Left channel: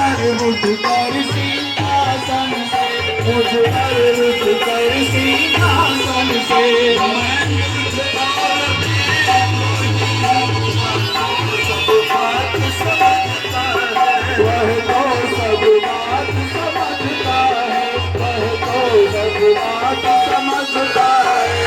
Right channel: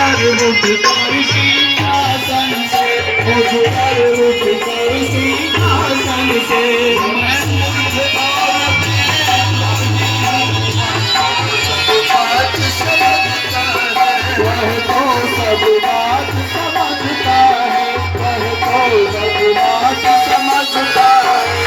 उठ कर सिंहासन से, उठ कर सिंहासन से। वह तो सब बात समझता है, वह तो सब बात समझता है।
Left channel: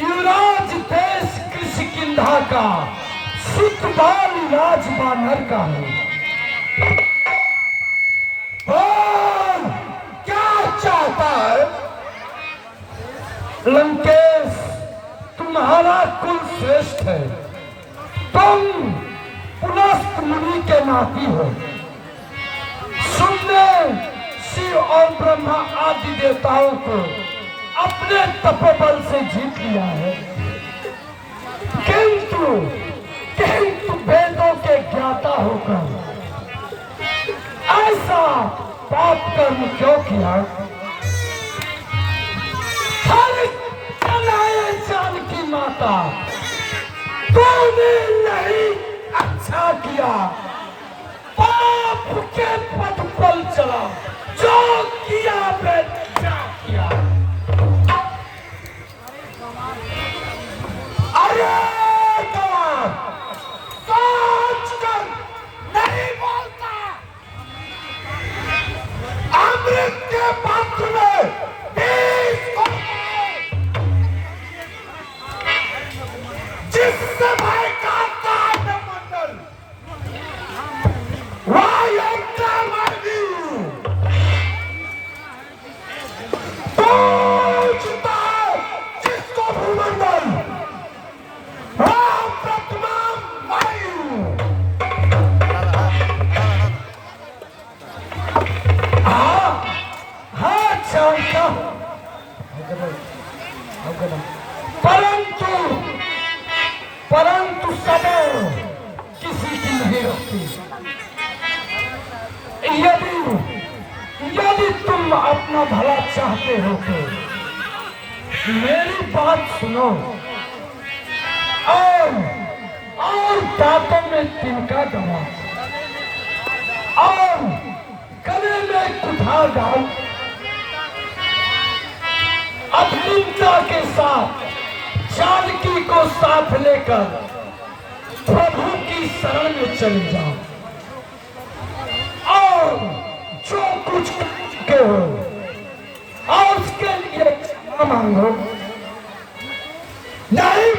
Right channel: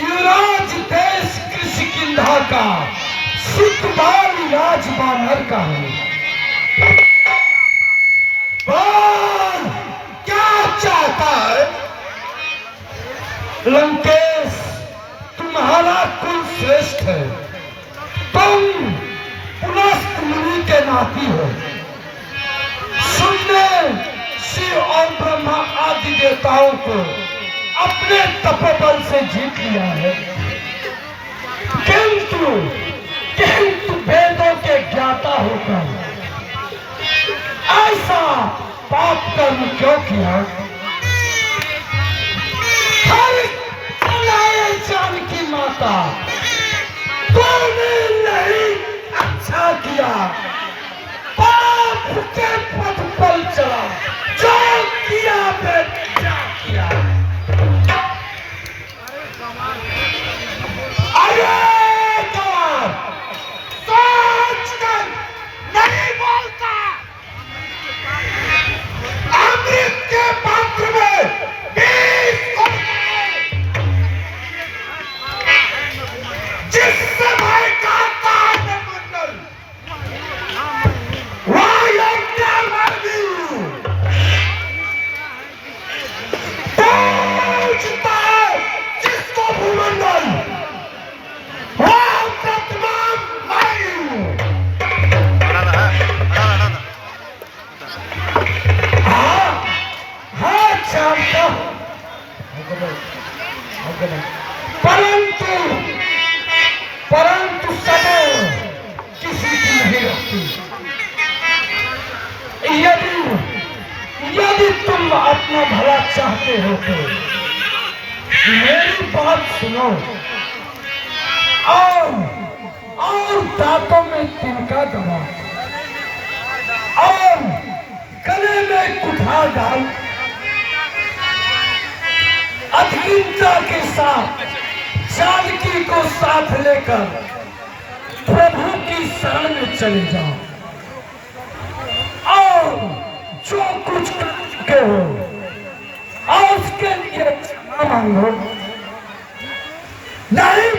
युवराज देश कृषि किंधा का सिद्धबान राजबानर का हूँ। बोल क्या चाहता है? लंकेश तुम्हारा कुल श्रेष्ठ है, तुम पुलस्त मुनि के नाती हो। सुनने शिव और ब्रह्मा आदि देवताओं को अपने तपोबल से जीत लिया है, किंतु वेदों के ज्ञाता होकर ऐसा पाप कर्म क्यों किया? हर चलाए जानकी माता, तूने नहीं अच्छा किया। पाप के पथ पर चला, जो किया बेटा किया। अरे गवार, सोच कर नहीं बोलता। अमृत के पात्र में बीस जिससे भाई का मंडल पूछता है जिसको भूमंडल परंतु परंतु समय किसी की नहीं रखती। यदि तुम अपना भला चाहते हो तो मेरी बात सुनो और दांतों में तिनका दबा और गले में कुठार डाल। अहिंसा के साथ जानकी को साथ लेकर प्रभु की शरण में चले जाओ और जो कुछ कर चुके हो और उसके लिए क्षमा मांगो। नहीं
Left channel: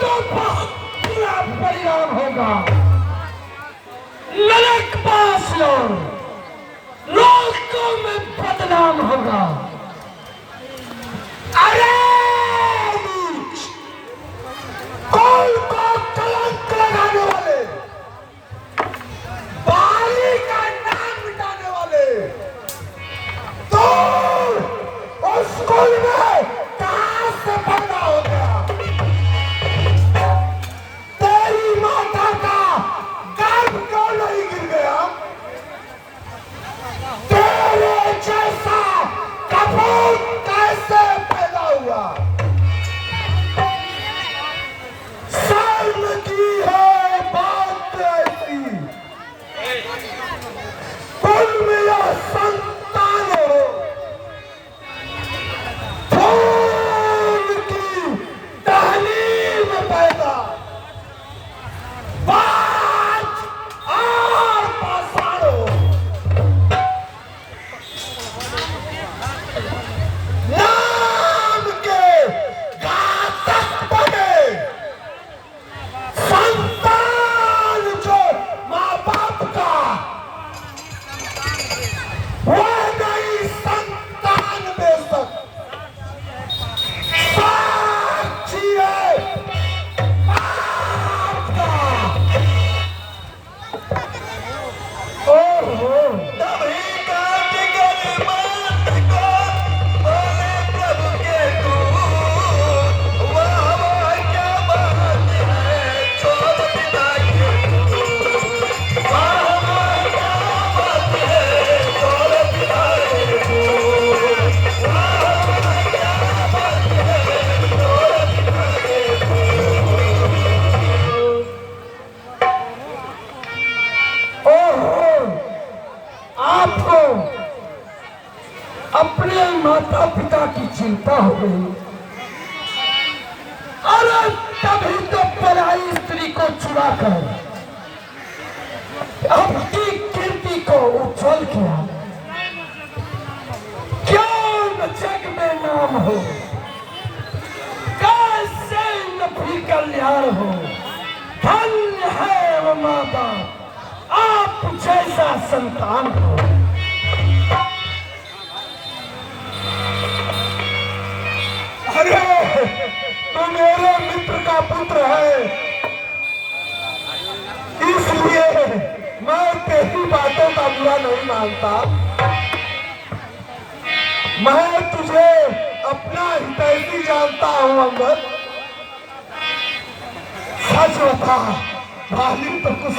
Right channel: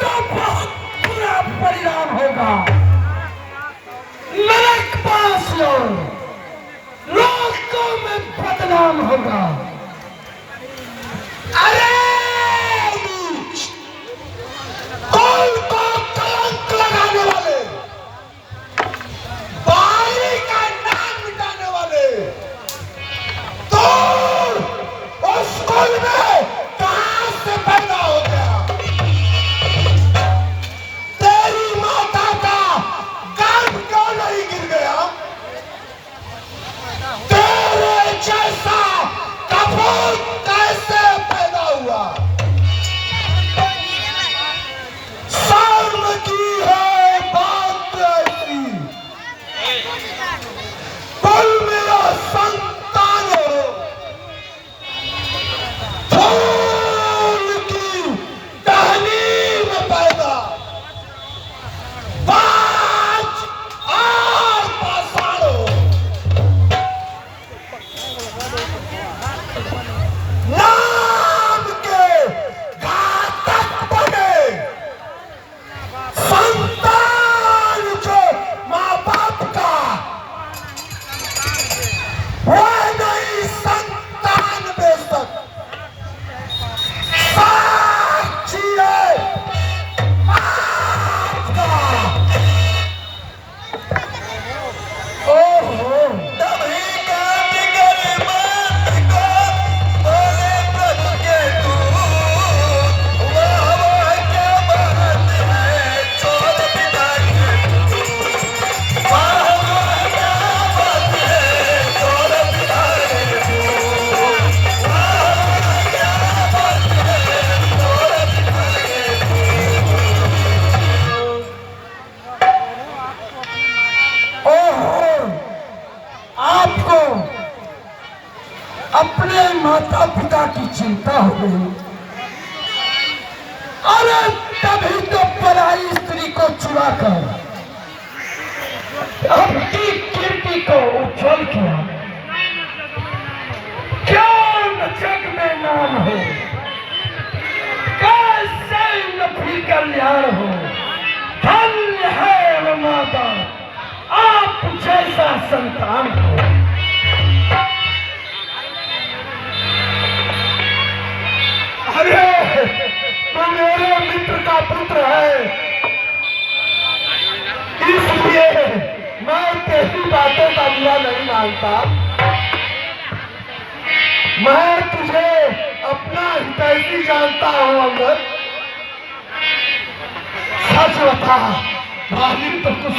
तो बहुत बुरा परिणाम होगा। नरक पास लो, लोगों में बदनाम होगा। अरे कौन को कलंक लगाने वाले, बाली का नाम मिटाने वाले, तो उस स्कूल में कहां से पैदा हो गया? तेरी माता का गर्भ क्यों नहीं गिर गया? तेरे जैसा कपूत कैसे पैदा हुआ? शर्म की है बात ऐसी, कुल मेरा संतान हो, फूल की टहनी में पैदा, बाज और पाषाण हो। नाम के घातक बने संतान जो माँ बाप का, वह नहीं संतान बेशक साक्षी है पाप का। तभी काट कर बात को बोले प्रभु के दूत, वाह क्या बात है चोर पिता के दूत, वाह क्या बात है चोर पिता के दूत, वाह क्या बात है चोर पिता के दूत। आपको अपने माता पिता की चिंता हो गई। अरे तभी तो पराई स्त्री को चुरा कर अपनी कीर्ति को उज्जवल किया। क्यों न जग में नाम हो, कैसे न भी कल्याण हो। धन्य है वो माँ बाप, आप जैसा संतान हो। अरे तू मेरे मित्र का पुत्र है, इसलिए मैं तेरी बातों का बुरा नहीं मानता। मैं तुझे अपना हितैषी जानता हूँ अमृत। सच बता, तो कुछ